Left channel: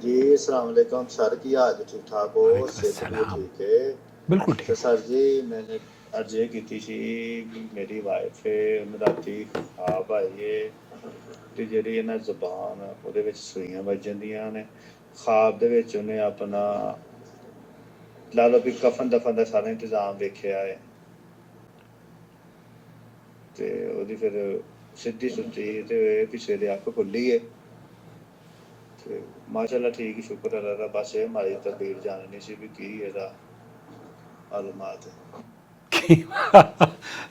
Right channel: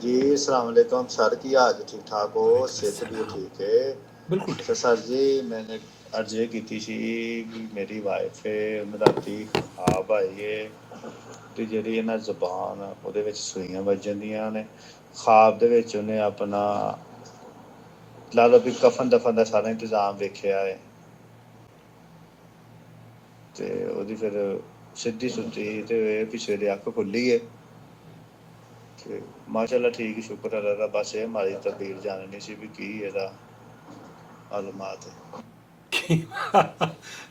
جی السلام علیکم سر، کی حال ٹھیک ٹھاک ہو؟ وعلیکم صحت بھی السلام. ٹھیک ہے؟ بالکل تو ٹھیک. سر جی میں نے عرض یہ کی سی کہ میری وائف ہے راتی خواب آئی ہے کہ جی نا زبان وہ سوئیاں بجن دیا نے خواب انہیں اپنا لا لو بھی کفن دفن کا سارا انتظام ویکھیا ہے تے وہ پھر سیدھی ستی تے پچھلے دی اکھ کھلی ہے تے ماشاء اللہ ٹھیک ہے، شکر اللہ کا. بس یہ ہماری تدبیر جاننی سی بھی کی یہ معلومات ہے.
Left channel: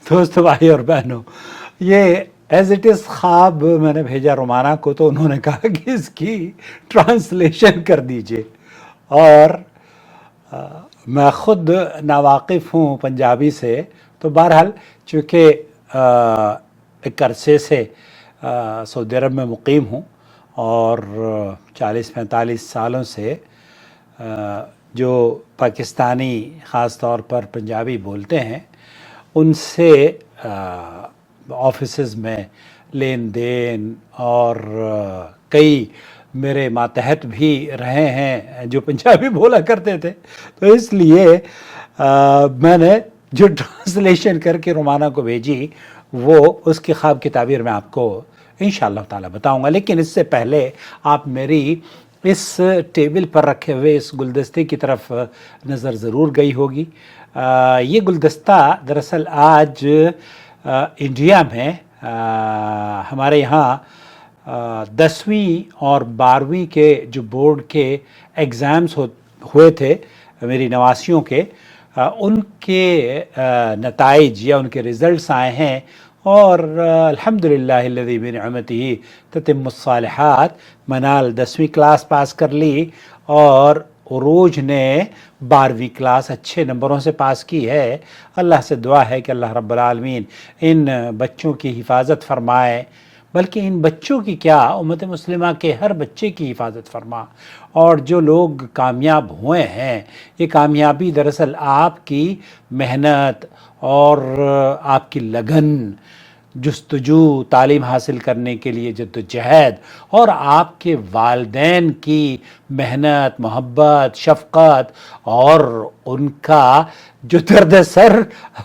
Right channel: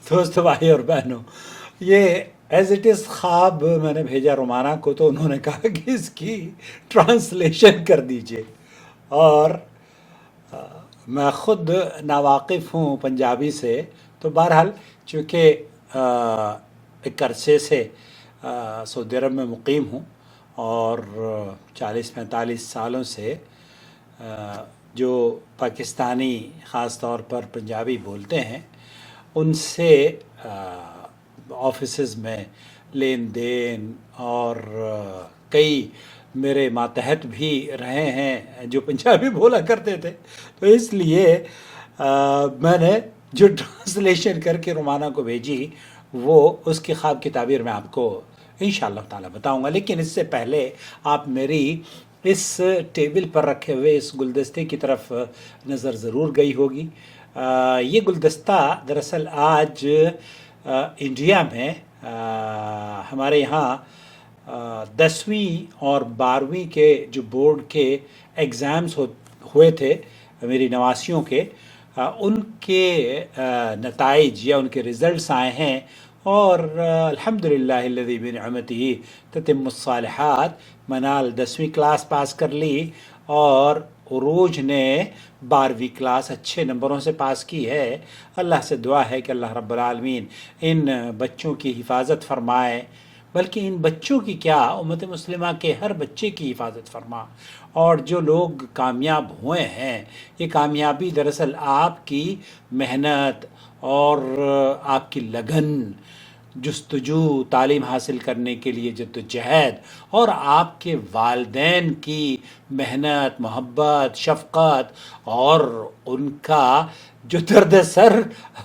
دوستو بھائی اور بہنوں، یہ ایز اٹ از خواب میں نے بھیجا رومانہ کو، تو انہوں نے کہا کہ اس کی ٹرانسلیشن کر دیجئے. اور میں خود ناواقف ہوں پنجابی سے، تو بہرحال چونکہ ایک عرصے سے سعودی عرب میں مقیم ہوں، اور 40-45 سالوں سے جو پاکستانی خاص طور پر پنجابی بولتے ہیں ان سے آفیسز میں لین دین، اور کئی میرے ماتحت بھی رہے ہیں جو پنجابی بولا کرتے تھے، تو اس لیے میں نے جو ٹرانسلیشن کر کے رومانہ کو بھیجی وہ اس کی خواب کی تعبیر میں آپ کو انشاءاللہ تعالی بتاؤں گا. لیکن اس سے پہلے آپ میری اس ٹیبل پر رکھے ہوئے اس گلدستے کی طرف نظر ضرور گئی ہوگی. یہ گلدستہ دراصل آج انڈیا میں ہمارے یہاں 10ویں اور 12ویں کے جو بورڈ کے ایگزامز ہوئے تھے میری نواسیوں کے، ان کے نتائج یا ان کے رزلٹس آئے ہیں، اور الحمدللہ الذی بنعمتہ تتم الصالحات. منال 10ویں کلاس پاس کر لی، اور عروج نے 12ویں کلاس اچھے نمبروں سے پاس کی ہے. اللہ سے دعا ہے کہ اللہ رب العالمین ان بچوں کی حفاظت فرمائے، بلکہ ان بچوں کی کیا، امت مسلمہ کے ہر بچے کی حفاظت فرما. اور جو لوگ کامیاب ہوئے ہیں، یہ کامیابی دراصل آپ کی محنت اور آپ کی لگن، جستجو، تعلیم حاصل کرنے کے لیے جد و جہد، اور آپ کے والدین کی محنت، محبت، شفقت، اور ان کا جو درد سر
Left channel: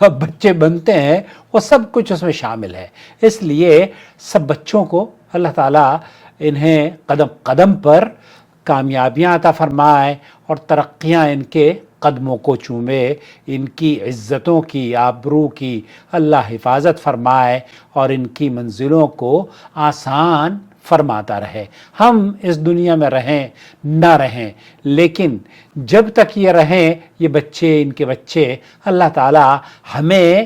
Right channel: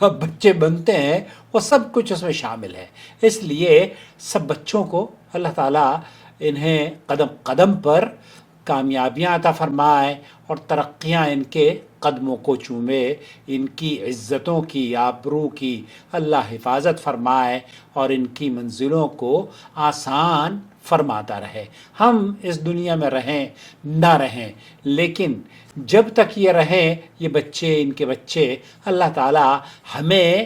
بچے بنتے ہیں، وہ سب کچھ اس میں شامل ہے. اس لیے سب بچوں کو اللہ تعالیٰ انہیں قدم قدم پر کامیابیاں عطا فرمائے، اور ترقیاں ان کے قدموں کو چومے، ان کی عزتوں کی، آبرو کی اللہ حفاظت فرمائے، اور ان کی منزلوں کو آسان فرماتا رہے. ہم اس دنیا میں رہیں نہ رہیں، لیکن جب تک یہ رہیں، یہ بچے، ان کے بچے، اللہ تعالیٰ ہمیں،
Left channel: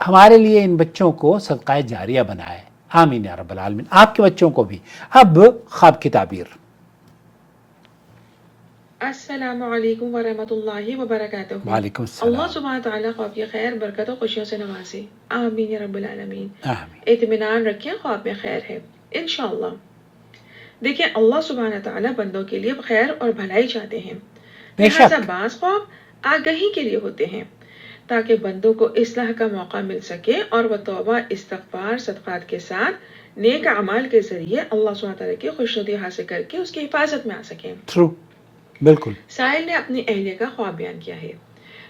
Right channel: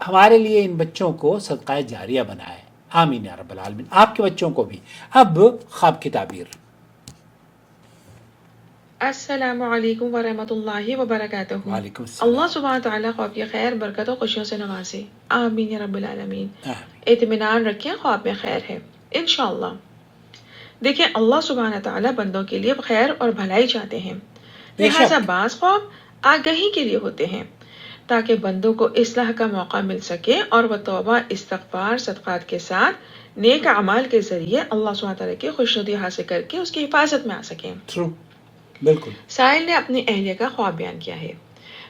ہمارے لیے ان بچوں کو صدقہ جاریہ بنائے. آمین یا رب العالمین. آپ کے بچوں کو بھی. اب خواب کی تعبیر. السلام علیکم ورحمۃ اللہ وبرکاتہ. وعلیکم اللہ السلام. سبحانہ تعالیٰ خواب کی خیر، برکت اور خوشیوں سے نوازے. آمین یا رب العالمین. آمین. اطمینان رکھیں، خواب میں خیر ہے انشاءاللہ. دیکھیں، اللہ سبحانہ تعالیٰ بندوں کے لیے خیر اور بھلائی چاہتے ہیں، بے لہٰذا شک. بعض خواب آگہی کے لیے ہوتے ہیں تاکہ بندوں کو اصلاح کا موقع مل سکے، اور وہ توبہ، استغفار، صدقات کے ساتھ نیک اعمال کے ذریعے اللہ سبحانہ تعالیٰ کی خوشنودی حاصل کر کے اس کی حفاظت میں آ سکیں. ٹرو. بالکل. سائل نے اپنی اہلیہ کا خواب بیان کیا ہے،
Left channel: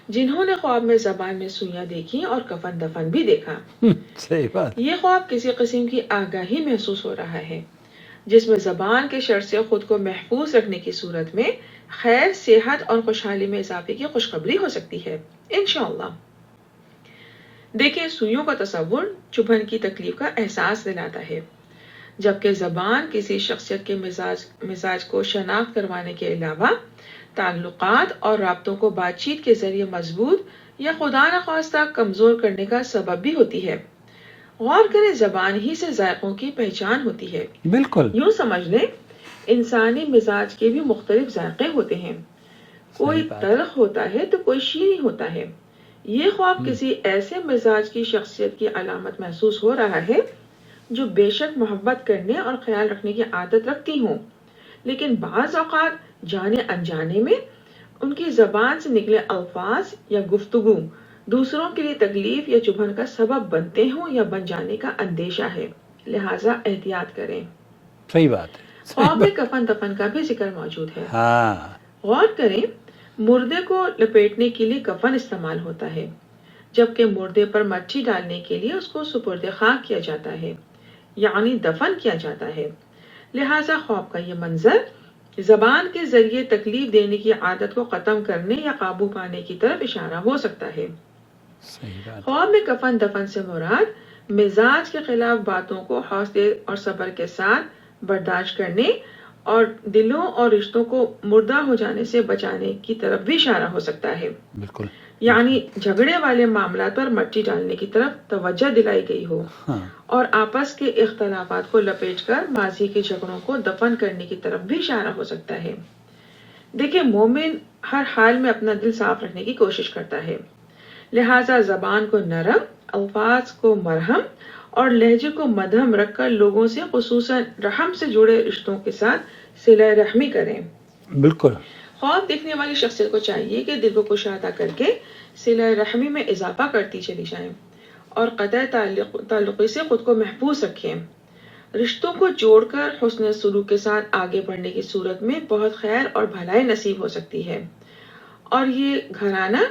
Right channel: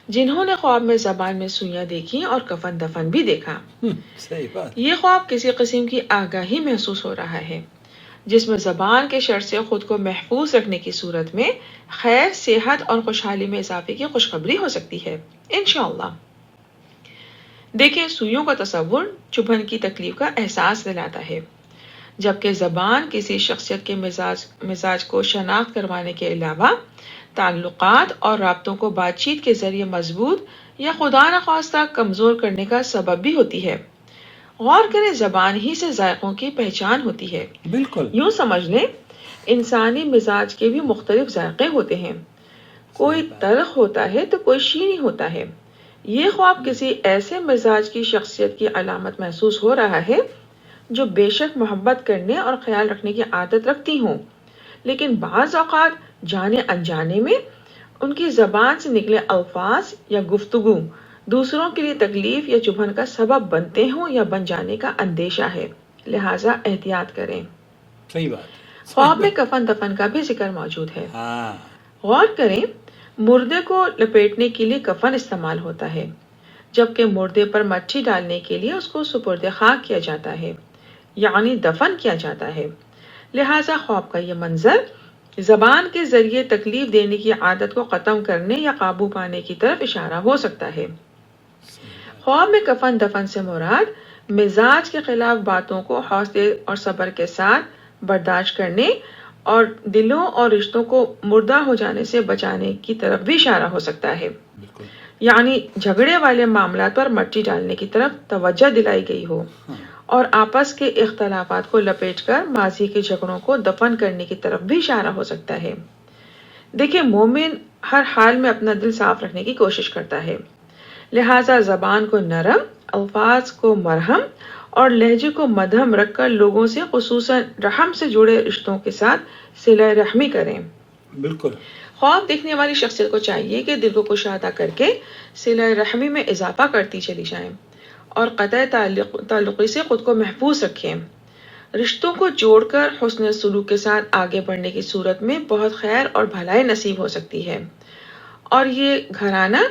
جنہوں نے خواب میں زبان میں سوئیاں دیکھی اور کفن دفن بھی دیکھا. صحیح بات. یہ خواب کسی قسم کی آگاہی محسوس ہو رہا ہے، جس میں زبان کے شر سے خود کو محفوظ رکھنے کی صورت میں خیر، صحت اور خوشحالی میں اضافے کی خوشخبری ہو سکتی ہے انشاءاللہ. دیکھیں، سوئیوں کا تصور چبھن کی تکلیف کا احساس دلاتا ہے، جبکہ زبان کسی شخصیت کے مزاج کو شناخت کروانے کے علاوہ تعلقات اور رابطوں کو بات چیت کے ذریعے مضبوط یا خدا نخواستہ کمزور کرنے کا سبب بھی ہوتی ہے. غور کریں، زبان ہی سے ذائقوں کی پہچان ہوتی ہے. بالکل. یوں سمجھ لیں، انسانی مزاج کے بھی مختلف ذائقے ہوتے ہیں، کوئی صحیح بات. تلخ ہوتا ہے تو کوئی شیریں ہوتا ہے. یہ خواب کسی ایسے مزاج کی شخصیت کی علامت محسوس ہو رہا ہے جو بے شک محبت کرنے اور خیال رکھنے کی عادت رکھتی ہوں، لیکن بعض اوقات جانے انجانے میں ان کی زبان سے نکلے الفاظ یا گفتگو دوسروں کے لیے تکلیف یا چبھن کا سبب بنتے ہوں یا بن جانے کا اندیشہ ہے، لہٰذا احتیاط کریں. صحیح بات. خواب میں کفن دفن کا بھی ذکر موجود ہے. ہاں غور کریں، مردے کو لپیٹنے کے لیے کفن استعمال ہوتا ہے، جبکہ مردے پر مٹی ڈالنے کے لیے اس کو سپرد خاک کیا جاتا ہے، یعنی دفن کیا جاتا ہے. لہٰذا خواب کا یہ منظر زبان کے ذریعے تکلیف دینے کی عادت کو ختم کرنے یا قابو پانے کی طرف اشارہ ہو سکتا ہے. صحیح بات. خواب میں کفن دفن سے مراد مزاج کے خلاف باتوں کو حوصلے اور صبر کے ساتھ برداشت کرنے اور دلوں اور رشتوں کو مردہ ہو جانے سے بچانے کی طرف بھی اشارہ ہو سکتا ہے. بالکل. یعنی جھگڑے والے معاملات پر مٹی ڈالنے کی طرف توجہ دلائی گئی ہو ہاں اور آپس کے اختلافات کو لپیٹ کر ماضی کے جھگڑوں کو دفن کرنے کی طرف بھی اشارہ ہو سکتا ہے. دیکھیں، مومن ہر حال میں اپنا دل صاف رکھنے کی کوشش کرتا ہے، لہٰذا زبان کو نرم، الفاظ کو مرہم اور لہجے کو مدھم رکھ کر لوگوں سے، خصوصاً رحم سے جڑے رشتوں کے ساتھ صلہ رحمی کریں. بالکل. خواب دیکھنے والی شخصیت کو چاہیے کہ دل کو کشادہ کر کے صلہ رحمی میں اضافہ کرتی چلی جائیں اور قطع تعلقی سے خود کو محفوظ رکھیں. رشتوں کو جوڑ کر حسن سلوک کے ساتھ آگے بڑھنے کی صورت میں بہت خیر اور بھلائی نصیب ہو سکتی ہے، اور یہ گھرانہ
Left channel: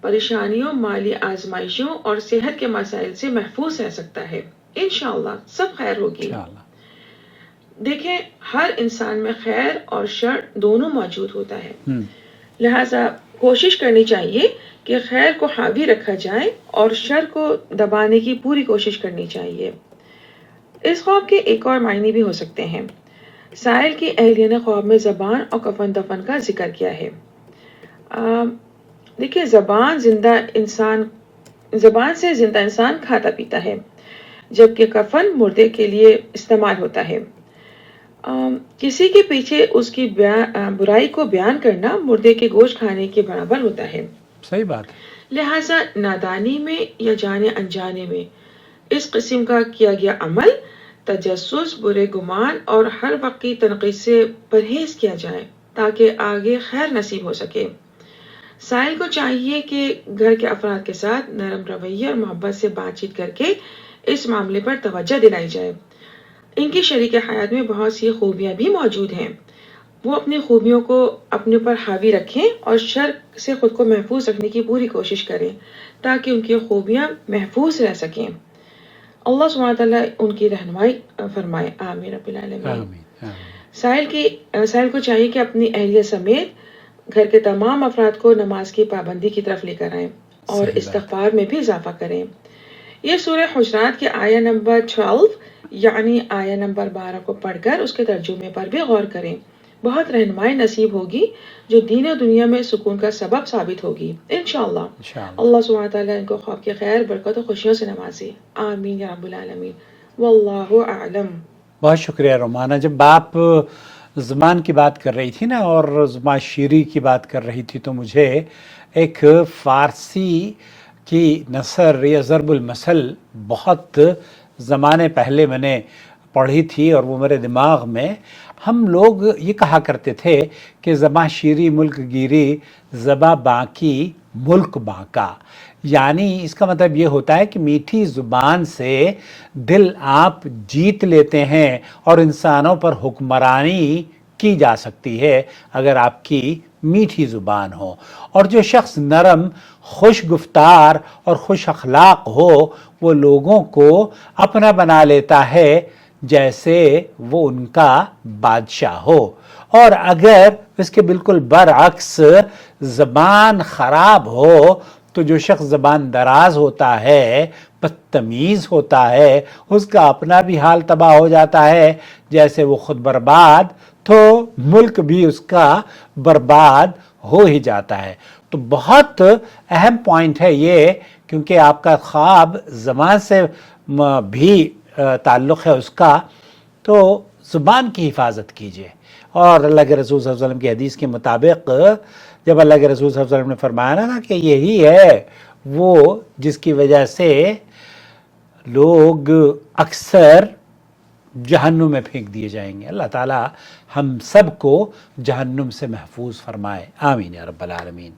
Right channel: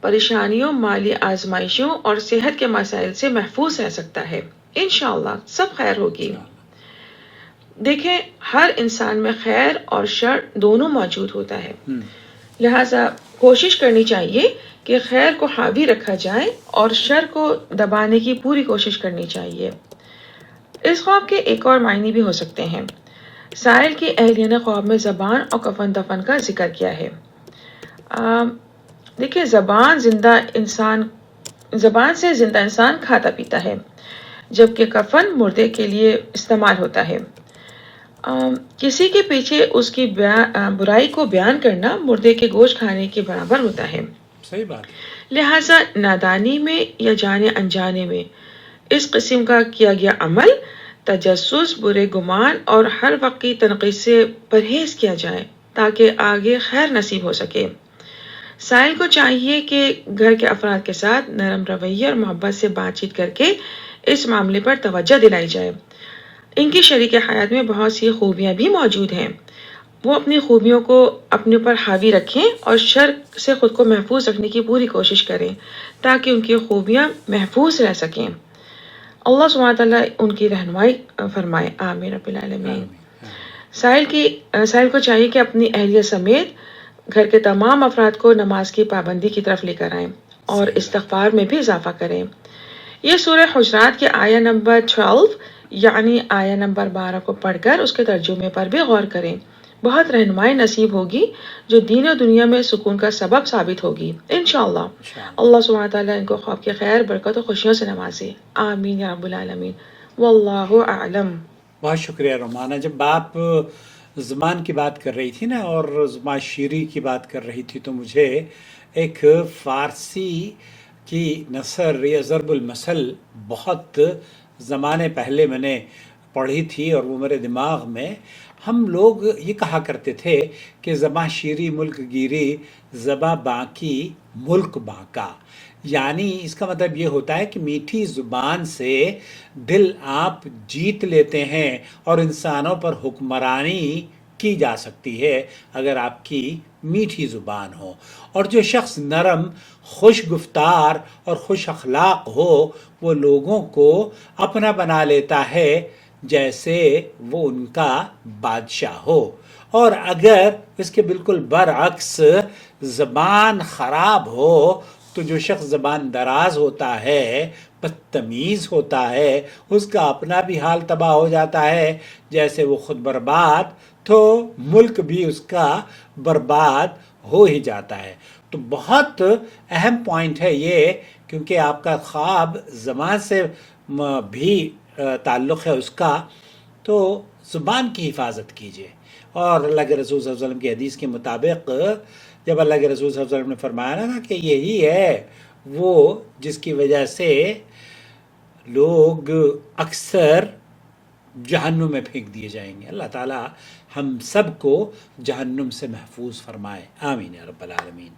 پریشانیوں، مالی آزمائشوں اور صحت کے مسائل سے محفوظ رہ سکتا ہے. انشاءاللہ سب خیر ہوگی. انشاءاللہ. دیکھیں، ہر انسان میں خیر اور شر دونوں موجود ہوتا ہے، ہم. لہٰذا کوشش کرنی چاہیے کہ خیر کو حاوی رکھا جائے اور شر کو دبانے کی پوری کوشش کرنی چاہیے. اس خواب کے ایک اور معنی بھی ہو سکتے ہیں. سائل کی اہلیہ نے خواب میں زبان اور کفن دفن کا ذکر کیا ہے. دیکھیے، زبان سے زندہ انسان کھاتا پیتا ہے، جبکہ کفن مردے کے لیے استعمال ہوتا ہے. کسی کے پیچھے اس کی برائی کو بیان کرنا مردے کے گوشت کھانے کے برابر ہوتا ہے. صحیح بات. لہٰذا نادانی میں یا جانے انجانے میں اس قسم کا کیا گیا عمل، تجسس، برے گمان اور ہر وقت کی تنقید سے پرہیز کیا جائے تاکہ آگے خیر نصیب ہو سکے. سائل کو چاہیے کہ گھر کے افراد کے ساتھ نرم رویے اور محبت سے بات چیت کر کے اس معاملے پر توجہ دلائی جائے. ان کی شریک حیات میں بہت سی خوبیاں بھی موجود ہیں، وہ اپنی خوبیوں کو اپنے پر حاوی رکھیں اور شر سے خود کو محفوظ رکھنے کی پوری کوشش کریں تاکہ ان کی خوبیاں محفوظ رہ سکیں. اللہ سبحانہ تعالیٰ ان کی رہنمائی فرمائے. آمین رب العالمین. آمین. سائل کو چاہیے کہ اپنی اہلیہ سمیت گھر کے تمام افراد کو نماز کی پابندی کی طرف لے کر آئیں اور استغفار میں بھی اضافہ کریں. یہ سورہ حجرات کے آیہ نمبر 12 یعنی آیہ نمبر 12 کو پڑھ کر اس کے ترجمے پر بھی غور کریں. بہت رہنمائی نصیب ہوگی جو دین و دنیا میں سکون کا سبب ثابت ہوگی انشاءاللہ. اللہ سبحانہ تعالیٰ ان کو خواب کے خیر، برکت و خوشیوں سے نوازے. آمین یا رب العالمین. واللہ اعلم. بہت شکریہ رومانہ. جب آپ زبان کی بات کر رہی تھی نا اور زبان شیری کی بات کر رہی تھی تو مجھے ایک فارسی کی نثر یا ضرب المثل بہت زمانے پہلے میں نے پڑھی تھی اور وہ میرے دماغ میں، ہم لوگ یہ کہا کرتے تھے کہ زباں شیری ملک گیری، زباں باقی ملک باقا. یعنی اس کا مطلب یہ ہوتا ہے کہ میٹھی زبان سے دل آپ جیت لیتے ہیں اور انسانوں پر حکمرانی کی جا سکتی ہے اگر آپ کی میٹھی زبان ہو. اور جو شخص نرم، خوش گفتار اور خوش اخلاق ہو وہ لوگوں کو اپنا بنا لیتا ہے جیسے وہ ان کا بادشاہ ہو. اور اگر اس کے بالکل برعکس زبان خراب ہو تو جو شخص زبان دراز ہوتا ہے، بدتمیز ہوتا ہے، اس کا اپنا بھی حال تباہ ہو جاتا ہے. جیسے وہ خود برباد تو ملک بھی اس کا برباد ہو ہی جاتا ہے. تو بہت اہم پوائنٹ ہے یہ، کیونکہ آپ کا خواب زبان سے بھی تعلق ہے اس کا، تو زبان کی حفاظت کیجیے. اور اللہ کے رسول صلی اللہ علیہ وسلم کی حدیث کے مطابق جب اللہ کے رسول صلی اللہ علیہ وسلم نے فرمایا نا کہ یہی ہے وہ جس کی وجہ سے لوگ اکثر جہنم میں پھینک دیے جائیں گے. اللہ تعالی ہم سب کو جہنم سے محفوظ فرمائے. آمین یا رب العالمین.